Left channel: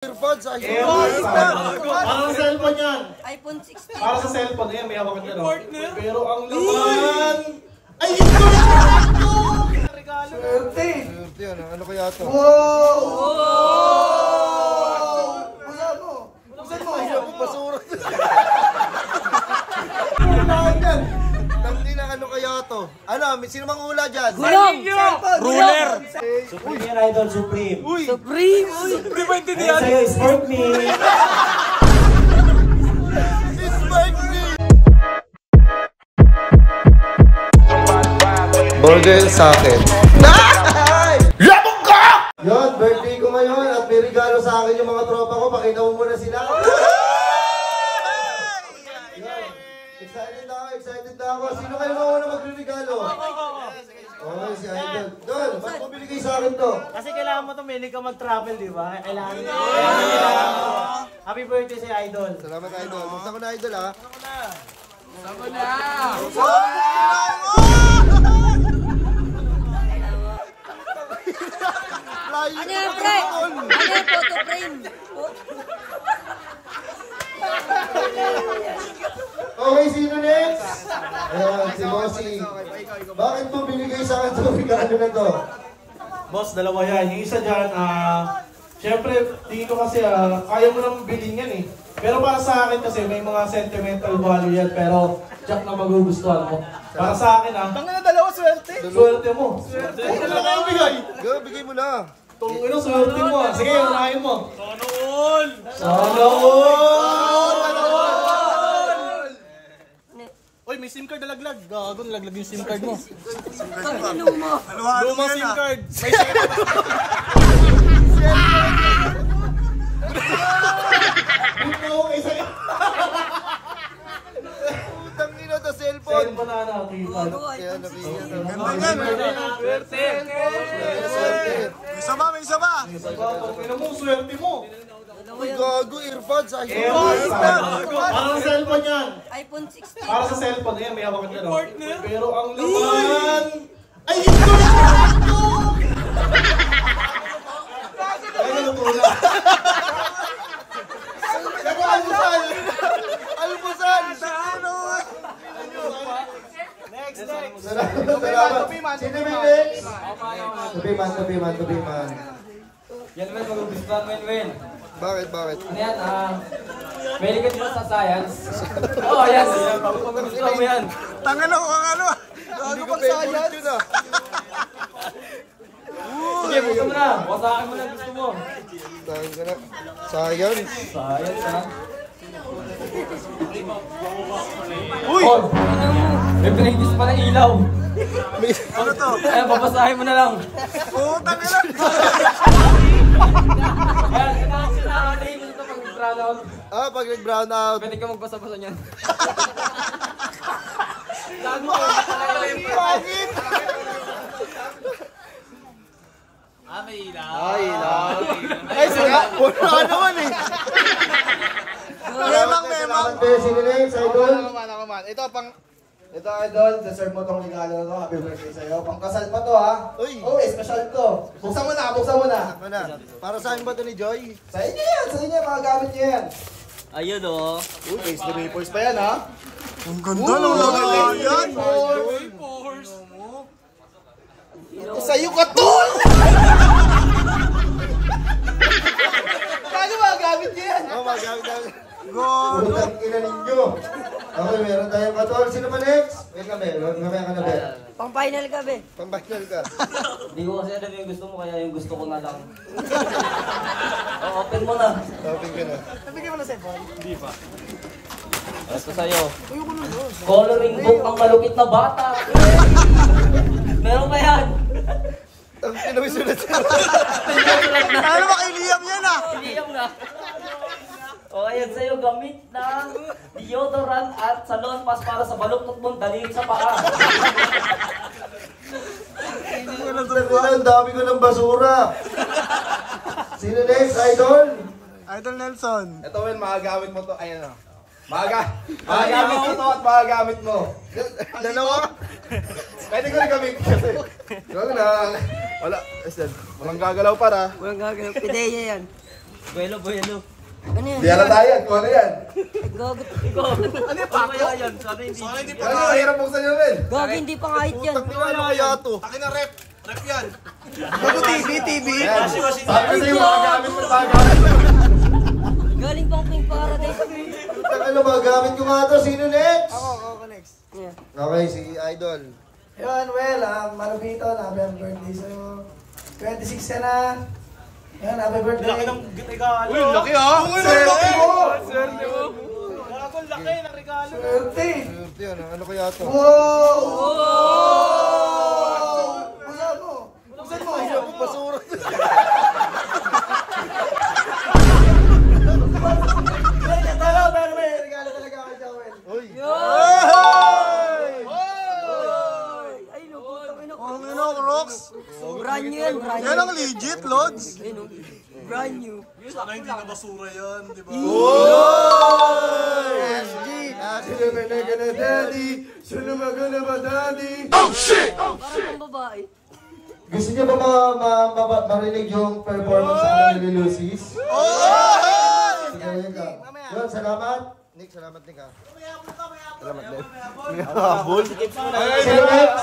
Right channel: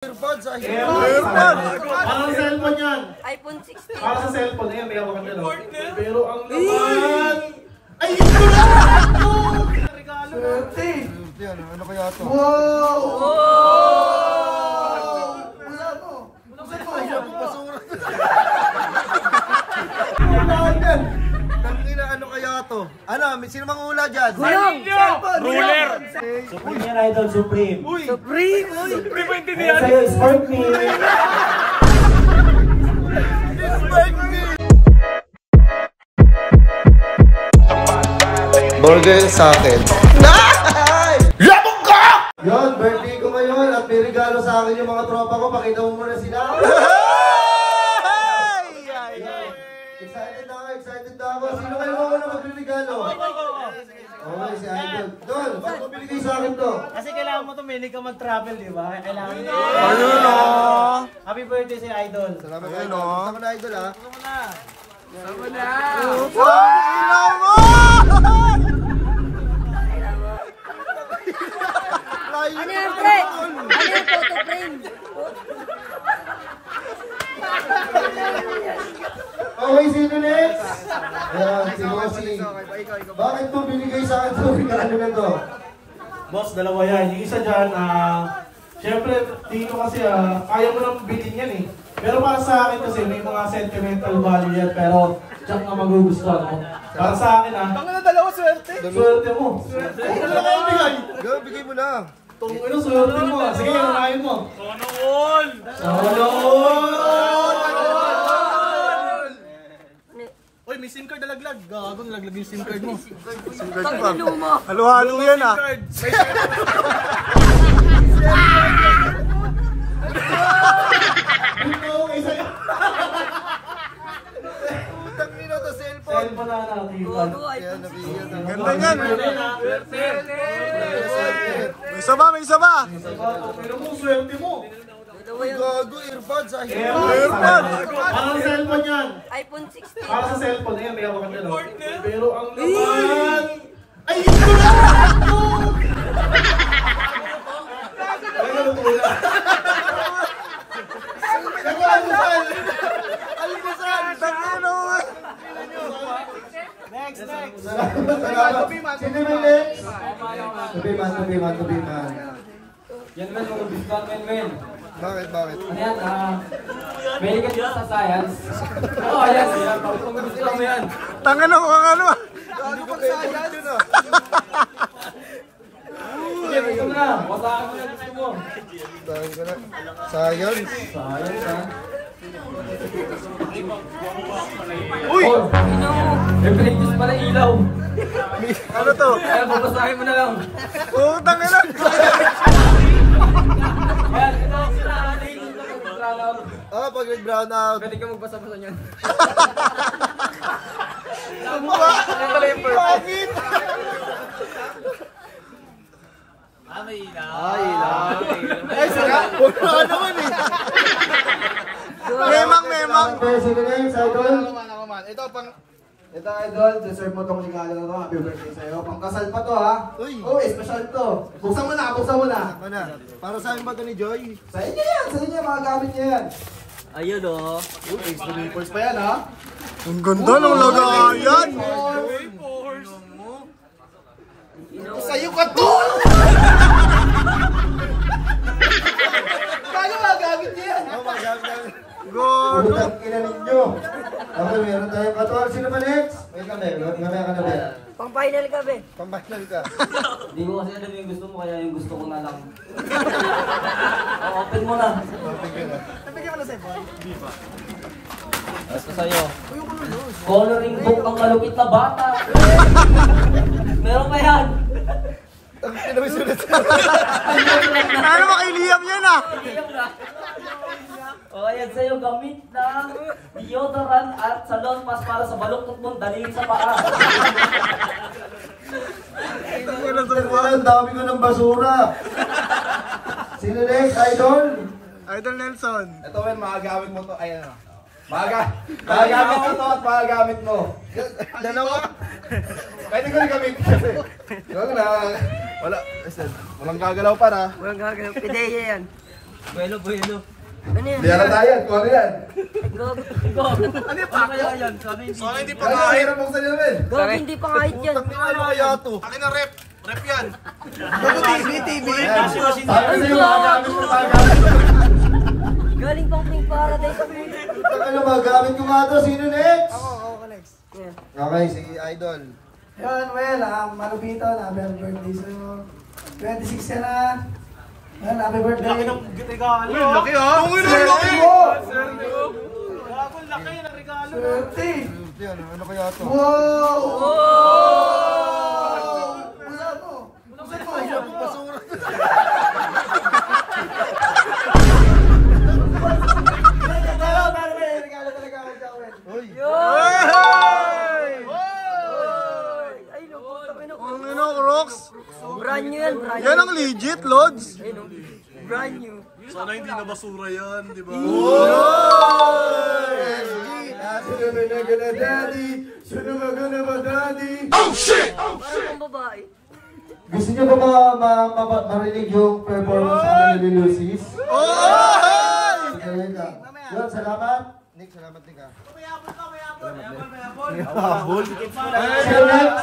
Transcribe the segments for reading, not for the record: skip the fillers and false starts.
Earpods, Earpods! Para sa cellphone yan. iPhone 16. Para sa cellphone yan, may ako ka no? Pero ang laman... Ay, ito lang! Regalo na. Swerte, ano kaya ito? Wow! Ulan mo! Basura. Tangina, ano kaya ito? Ano, sino mang-ula dyan? Gulong! Ruler! Supreme yan, idol, Supreme. Supreme! Supreme ba hindi Ayan sa'yo, Sport Me. Burger sa akin. Labog ka! Yun, birthday ko ngayon at may regalo sa akin yung mga tropa ko. Pakita mo muna sila. Excited na ako. Sino kayo mauna magre-regalo? Okay, si Idol. Don, ba't mo binigay sa akin to? Kasi kailangan mo tuminig ka mag-travel, di ba? Kailangan mo. Happy birthday si Idol. Salamat, Idol. Gusto ko na, Idol, ha? Sama na! Ano yan, pre? Ano yan, photo frame? Okay, sino next? Ayan, si Bossing. Bakit mo binigay sa akin itong regalo na to? Boss, dalawa yan. Yung isa dyan, syempre, dito kasi, kaya mo lang bilhin yan eh. Pero para sa akin kasi, may mga sentimental value yan. Pero, tsak na magugustuhan mo. Para sa akin, Tanga na dalawa, swerte. Swerte mo. Swerte. Ano na kayo bigay? Go, bigay mo na. Tungin ang swerte mo. Sige, unahin mo. Sana all! Sana all! Uy, may SIM card nalaglag. Gago, nalaglag yung SIM card mo. Pag-ino mo! Halo-halo yan, ha? Utang nino to cellphone. Cellphone na natin. Ayan, nabigyan na. Ganda niyan. Swerte. May isa ba? May isa ba? Tungin mo, swerte mo. Gago, earpods, Earpods! Para sa cellphone yan. iPhone 16. Para sa cellphone yan, may ako ka no? Pero ang laman... Ay, ito lang! Ay, ano po yan? Almusal! Almusal! Next, next! Salamat. Sino may next? Tubiman. Yan, men, magugustuhan, men. Bakit? Ano yan, pwede ka dito sa science. Oo, yan. Magugustuhan mo yan. Tanga na kung ano. Hindi ko favorite yun, ah. Sige, gusto mo na. Wasakan mo na gusto mo. Dahil ka na. Science. Science, ha? Uy! Oh, may pinigis pa na ilaw. Ano to? Ay, babasahin mo na lang. Utang na. Ayan, ito ang sinarating ito pag-brown out. Pag nag-brown out. Pwede ka magbasa-basa niyan. Bakit? May ilaw. Ay, sarap. Wala naman eh. Memang. Sino next, Idol? Ito, Idol, deserve mo tong regalo na to. Happy birthday sa'yo. Pangkasal pa to, ha? Uy. Oh, special to. Buksan mo na. Mana? Para sa akin ba ito ni Joy? Sa inyo yan, mga gamit niyo yan. Ayun, oh. Uy, thanks to Vapors pa yan, ha? Ang ganda ng lagayan. Sa'yo ka to! Paano mga gamit niyo yan? Magamit na. God. Utang ina ninyo. Okay, meron tayong 14. Sino pa next? Wait kami. Mamaya ka na ba? Pang-final ka, be. Pambahinal ka. Hindi ko kasi alam yung gusto mo, kaya yung gusto ko na lang. Open mo na. Open ka na. Nabigyan mo na cellphone? Ito sa'yo. Coloring book ng malupit na bata. Meron na yan. Ang pinawisulat sa Ano ba kay Liam yan, Liam na. O, ayan sa'yo, gamit ng deodorant at salon pas para sa baluktot mong dalhin sa paa. Ang dami ko ng basura. Sino next, Idol? Idol Nelson. Ito, men, mga gamit mo to. Ayan, o. Magagamit mo to at magagamit mo. Dalawa. Pwede ko rin gamitin kasi. Wala na. Walang gagalaw para. Walang gagawin. Pideya yan. Buelo. Ano yan? Hindi halata yan. Kung ano yan? Gago. Ano yung pako? Yan. Sana hindi. Ano hirap buksan nyo rin? Gago, hindi pa kahit yan. Ano kaya to? Akin na rep. Rep yan. TV. Washing Sabi machine. sa'yo, magagamit mo magagamit. Galing pang Pink Paradise. Ano magagamit ko nga to? Sino next? Ako next. Okay, si Idol. Yun, well, Malubito, happy birthday sa'yo. 26 ka na. Yan, happy birthday. Laki ng regalo. Uy, laki ha? Swerte mo! Gago, laki ng regalo. Swerte! Ano kaya to? Wow! Busan mo! Busan mo! Basura. Regalo talaga ako sa Well. Uy! Ay, nabuta ko Ang ino, Rox. Brand new yan, brand Yan new. ang legit, Lods. Ayun, oh. Brand new. Sana hindi na basura yan, di ba? SG! Sino ba na daddy? Sino ba ba daddy? Parang pang babae. Gusto niyo ba marinig yung performance sa ni Lucy's? Sige, wait lang. Yun, salamat. Nick, salamat Nick ha. Salamat Nick. Sino next?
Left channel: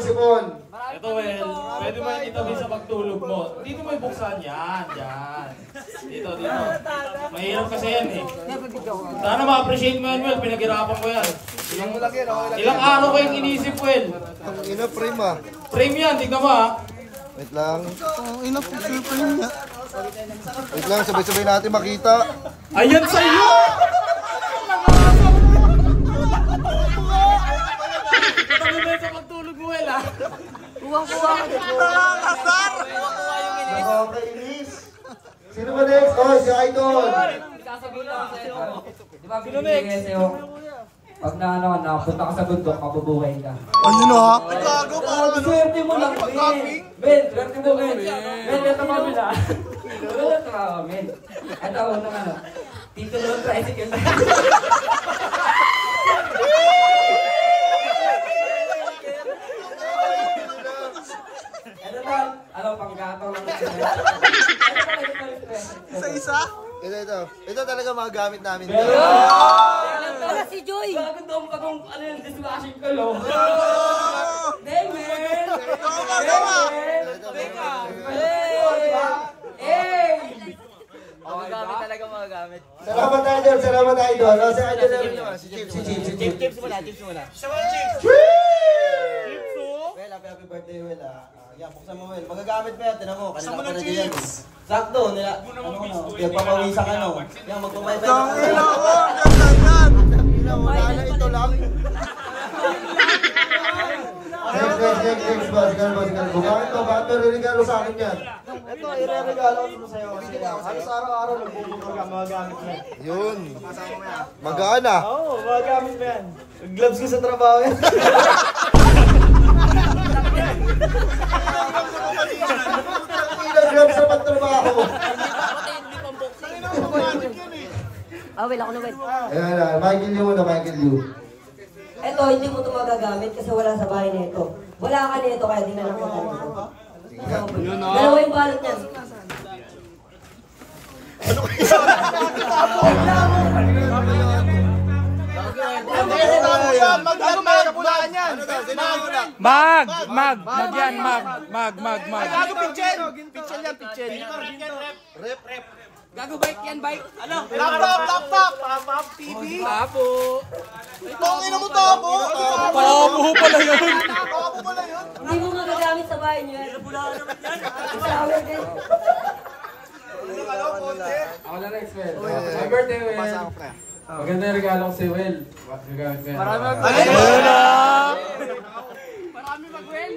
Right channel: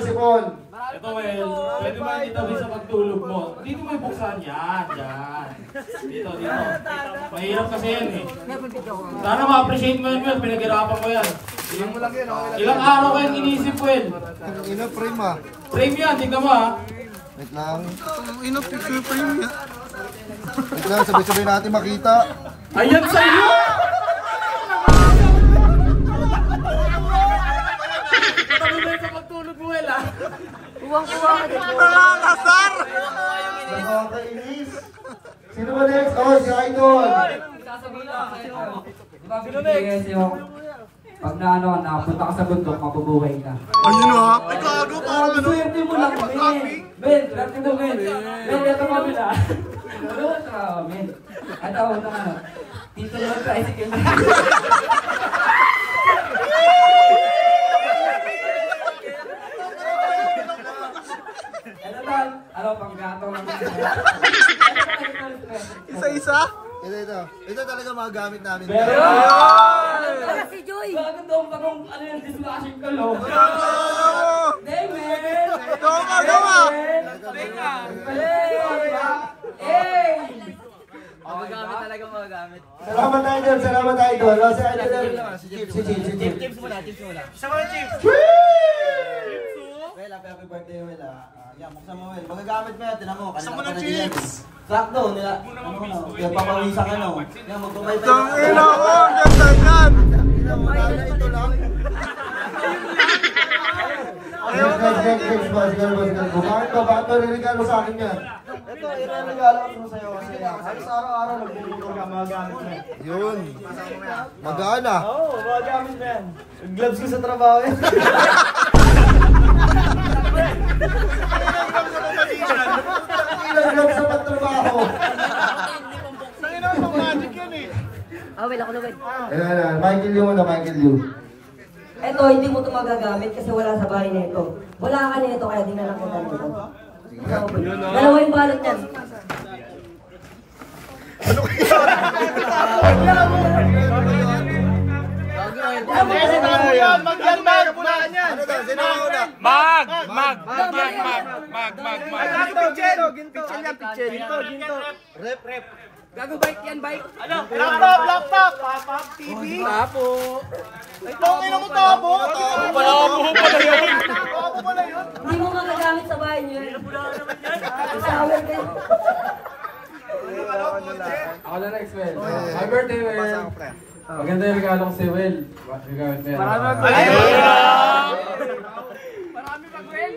Si Paul. Ito, well, pwede ba dito sa pagtulog mo? Dito mo ibuksan yan, dyan. Dito. Mahirap kasi yan eh. Sana ma-appreciate mo yan, Well. Pinaghirapan ko yan. Ilang araw ko yung inisip, Well. Ang ina frame ah. Frame yan, tingnan mo ha. Wait lang. Ang ino, picture pa yun. Wait lang, sabay-sabay natin makita. Ayan sa iyo! Pag-ubay sa pagtulog mo, Well ha. Kuwang-kuwa ka dito. Nakakasar! Nakakainis. Sino ba next? Oh, si Idol. Sasabihin lang sa'yo. Di ba binibigay sa'yo? Pag napunta ka sa bundok, mabubuhay ka. Ano na? Ay, gago pa. Swerte mo lang, Ben. Ben, swerte mo, Ben. Ben, ito kami na. Ito kami. Ito, Tito lang sa tricycle na. Panggatong lang. Isa-isa? Ito talaga mga gamit namin. Para si Joy. Bakit daw kung ano yung dislashing ko, lo? Damon! Gawa! Magagamit talaga magagamit. Salamat Idol, salamat Idol. Si Idol naman. Si Chief. Chips muna. Isa mga chips. Well, happy birthday, Well. Yan, buksan mo, Well. Magagamit mo yan, tinan mo. Kanina Buksan mo pa ng na yan. chips. Sakto, nila. Papawisan ka, no? Yan, magpapay pa. Tangina ko, ganda yan! Ito lang. Next, boss. Bakit ba regalo sa akin yan? Ito, i-regalo ko sa'yo kasi halos araw-araw nagbubukol ka, magagamit mo. Yun. Magana. Oo, magagamit mo yan. Gloves ko sa trabaho yan. Ilang gloves sa pagtrabaho. Tangina ko, magic yan eh. Well, ako na, Well. Ayan, Michael Liu na Michael Liu. Eto, hindi mo ito magagamit kasi wala sa bahay na ito. Wala ka nito kaya di na lang kita nito. Dalawa yung balot niyan. Ano daw? Sino ang una? Mag! Pichel yan, pichel. Rep. Gago bike yan, bike. Ano? Laptop! TV? Tapo. Ina mo tabo! Tabo pala yun! Hindi mo magagamit sa bahay niyo. Shower kayo. Ako na next, Well. Happy birthday, Well. Maganda yung regalo ko si Well. Gagamit mo yan. Marami mag-well.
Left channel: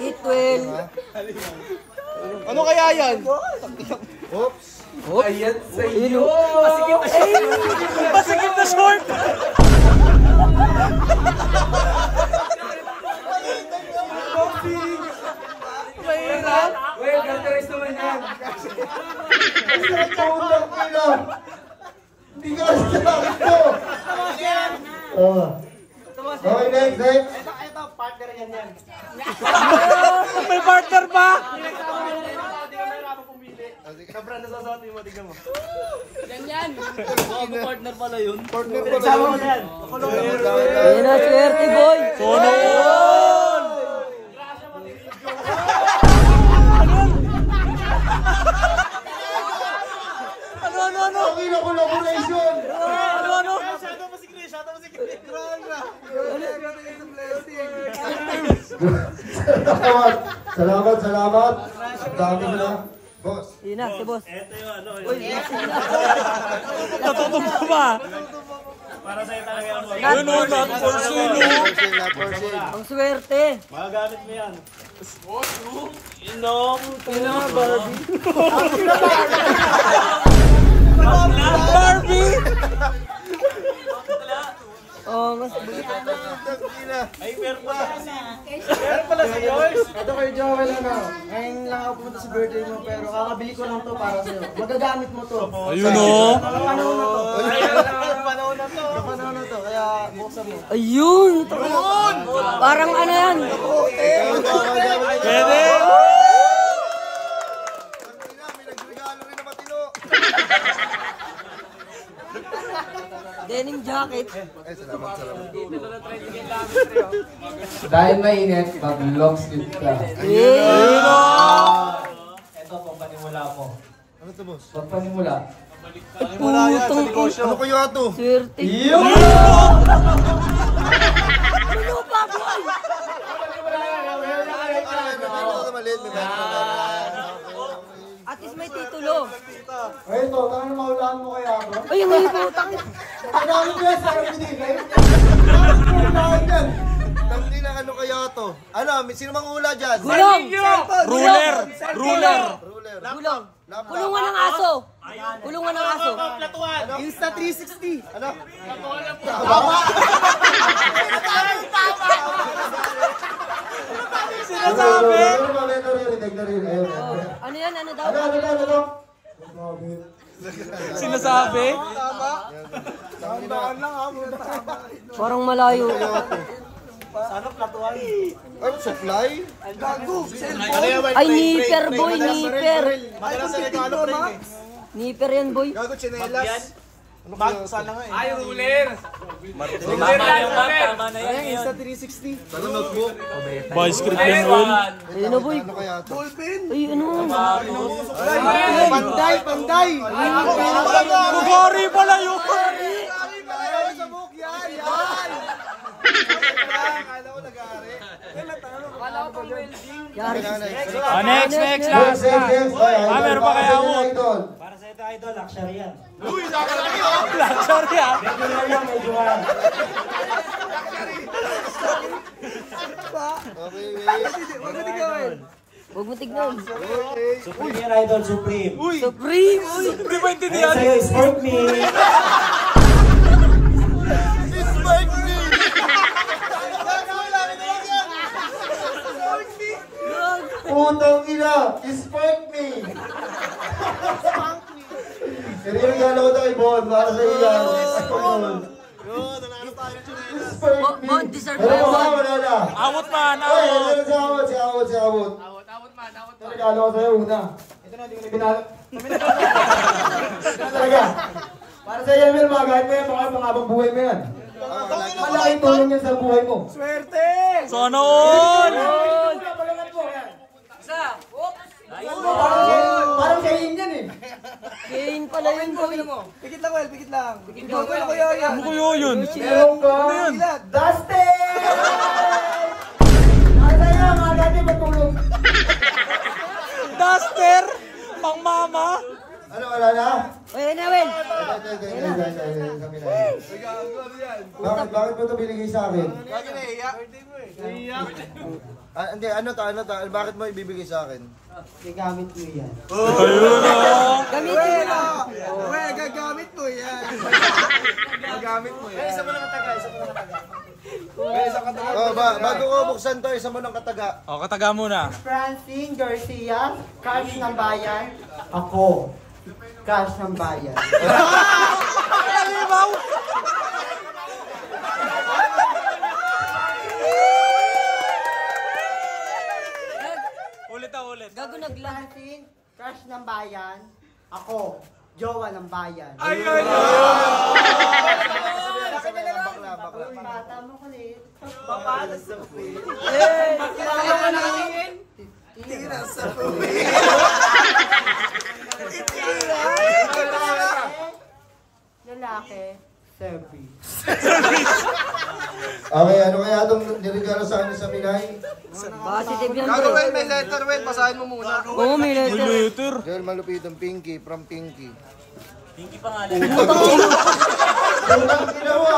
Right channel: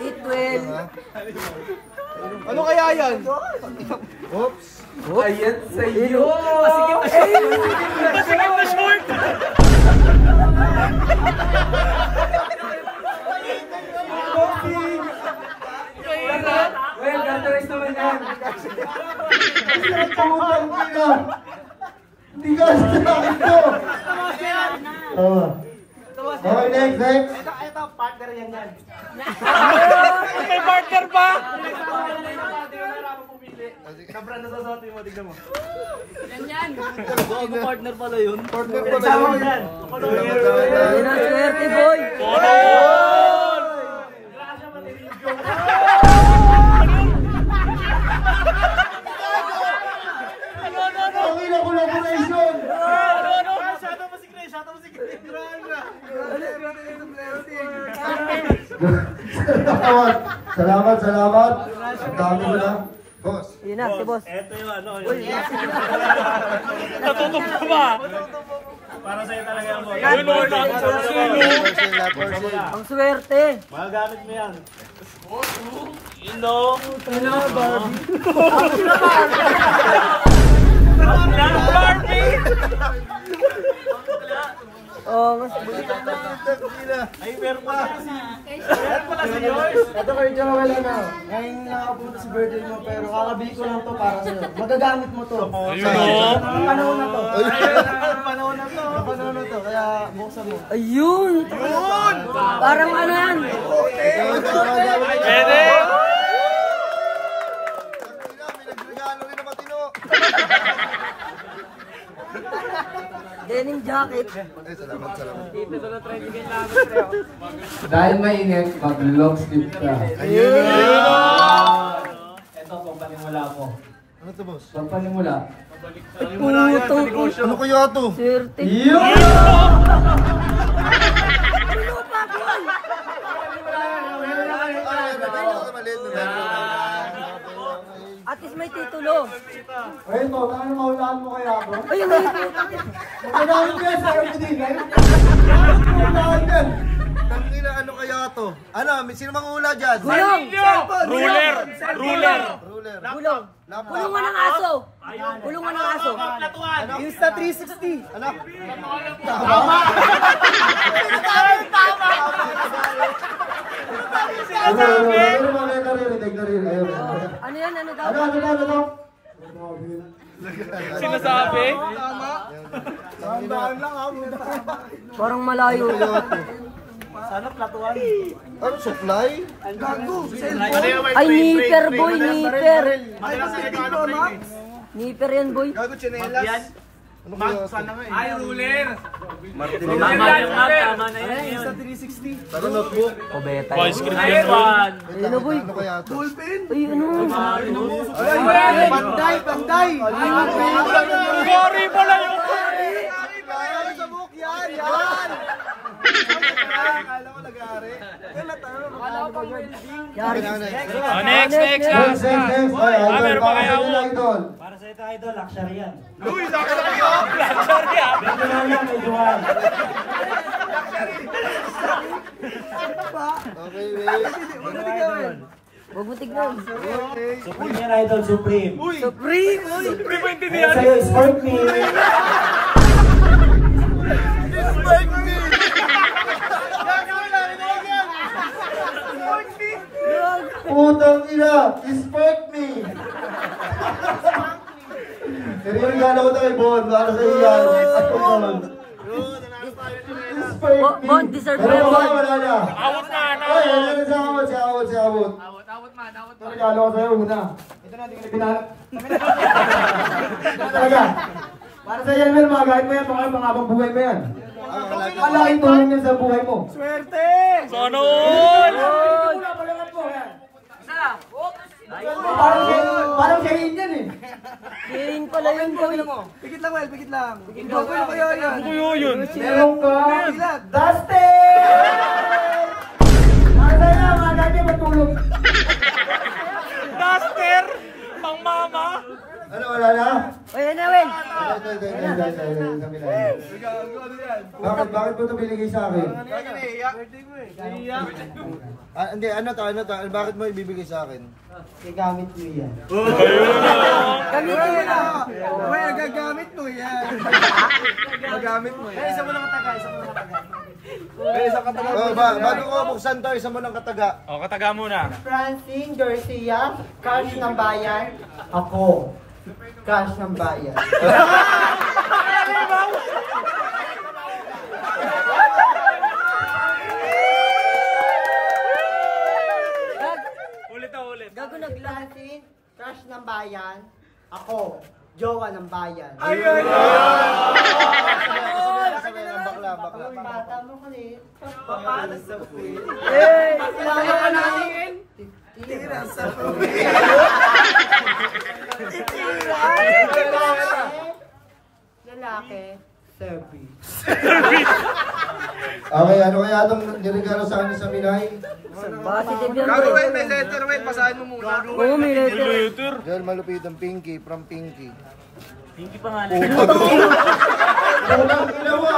Eat well. Ano kaya yan? Oops. Ayan sa iyo! Masikip na siya. Masikip na short! Well, gantaris naman yan. Putang ina. Hindi ka sa akin to. Okay, next. ito, partner yan yan. May partner ba? Hindi mo mahirapan pumili. Sa brand na sasuot mo, tignan mo. Yan. Partner pala yun. Partner pa Sama mo yan. Ayun na, swerte boy! Grasya matilig. Ang ina collaboration! Shadow mo si Chris. Salamat. Ang dami mo na. Boss. Yun na, si boss. Ito yung ano. Natutubo ba? Para sa'yo talaga yan, boss. Ang swerte! Magagamit mo yan. Barbie! Oo, mas Ay, meron pa. Meron pala si Joyce. Ito kay Joel, ano, ngayon lang ako pumunta sa birthday mo, pero kakabili ko lang to para sa'yo. Magagamit mo to. Ayun o. Ang panahon na to. Panahon na to. Kaya buksan mo. ayun! Parang ano yan? Pwede! May nagregalo rin na matino. Denim jacket. Ay, salamat. Dahil mainit, mag-long sleeve ka. Ito, pagpanimula mo. Ano to, boss? Pagpanimula. Putong Ano kaya to? swerte. Yun! Ano pa, boy? At least may titulo. Ay, ito, tangan mahulaan mo kaya ako. Ayun, may putang. Kailangan ko yan sa akin din, right? Kailangan yan. Tangina, ano kaya to? Ano, sino mang hula dyan? Gulong! Ruler! Ruler! Ruler. Gulong! Laptop. Kulungan ng aso! Kulungan ng aso! Insta 360. Ano? Ano yan? Ano daw? Ano? Sinasabi? Tandaan lang ha, Parang malayo. Ano, supply? Ay, nipper boy, nipper. Nipper yan boy. Gago, chinelas. Ano kaya to? Ay, ruler! Tama yung map, tama na yun. Insta 360. Ano, notebook? Boy, script na yun. Ayun na boy. Ano kaya to? Ay, ano? Panday! Sorry pala yun! Sa book yan! Yan! Akala ko nag-aari. Yari. Next! Next. Ay, idol. Baka sa inyo, idol. Para sa ito, idol, luxury yan. Uy, sorry ah! Medyo na lang, medyo yan. Okay, wait. Huwag mo tignan. Supreme yan, idol, Supreme. Supreme! Pre ba hindi Ayun sa'yo, sport me. Putang ina, spark me! Regalo ko tayo, Bon. Para sa iyo yan. Spark me. Bon, deserve mo Pero yan, Bon. wala na. Awat pa, ano? Ay, si Awot. Regalo ko sa'yo una. Ito na, di ko na pinalap. Talaga. Para sa iyo, Mel, mga kahit mo yan, mga pangabang buhay mo yan. Malaking tulong yan sa buhay mo. Swerte! Sana all! Parang kain yan eh. Kane pala yun boy. Pikit lang, Well, pikit lang. Ikaw ko kayo yan. Ano yun? Meron ka Dustin! Para sa'yo, mga dati matulog. Duster! Pang mama! Ano, wala na? Ayun na, Wen. Bakit mo ito binigay sa akin? Hindi, ano to? Bakit mo ibibigay sa akin? Gagamit mo yan. Gamitin mo na. Uy, gagamit mo yan. Gagamit mo yan. Isa mo lang kataga, Bago ko buksan to, isa mo ng kataga. O, kataga muna. Francine Garcia, cash ng bayan. Ako, cash ng bayan. Gago nagla. Crush ng bayan. Ako, jowa ng bayan. Ayun! Bata mo kulit. Paano sa puwit? Kilala ka namin. Tira sa puwit. Lalaki. Serbi. Okay, ano kaya itong nirigalo sa amin sa Minay? Positive yan, Gago, bro. may letter, Wen. Basahin mo muna. Oo, may letter. Girl, malupit ang Pinky, from Pinky. Pinky pangalan. Walang ginawa!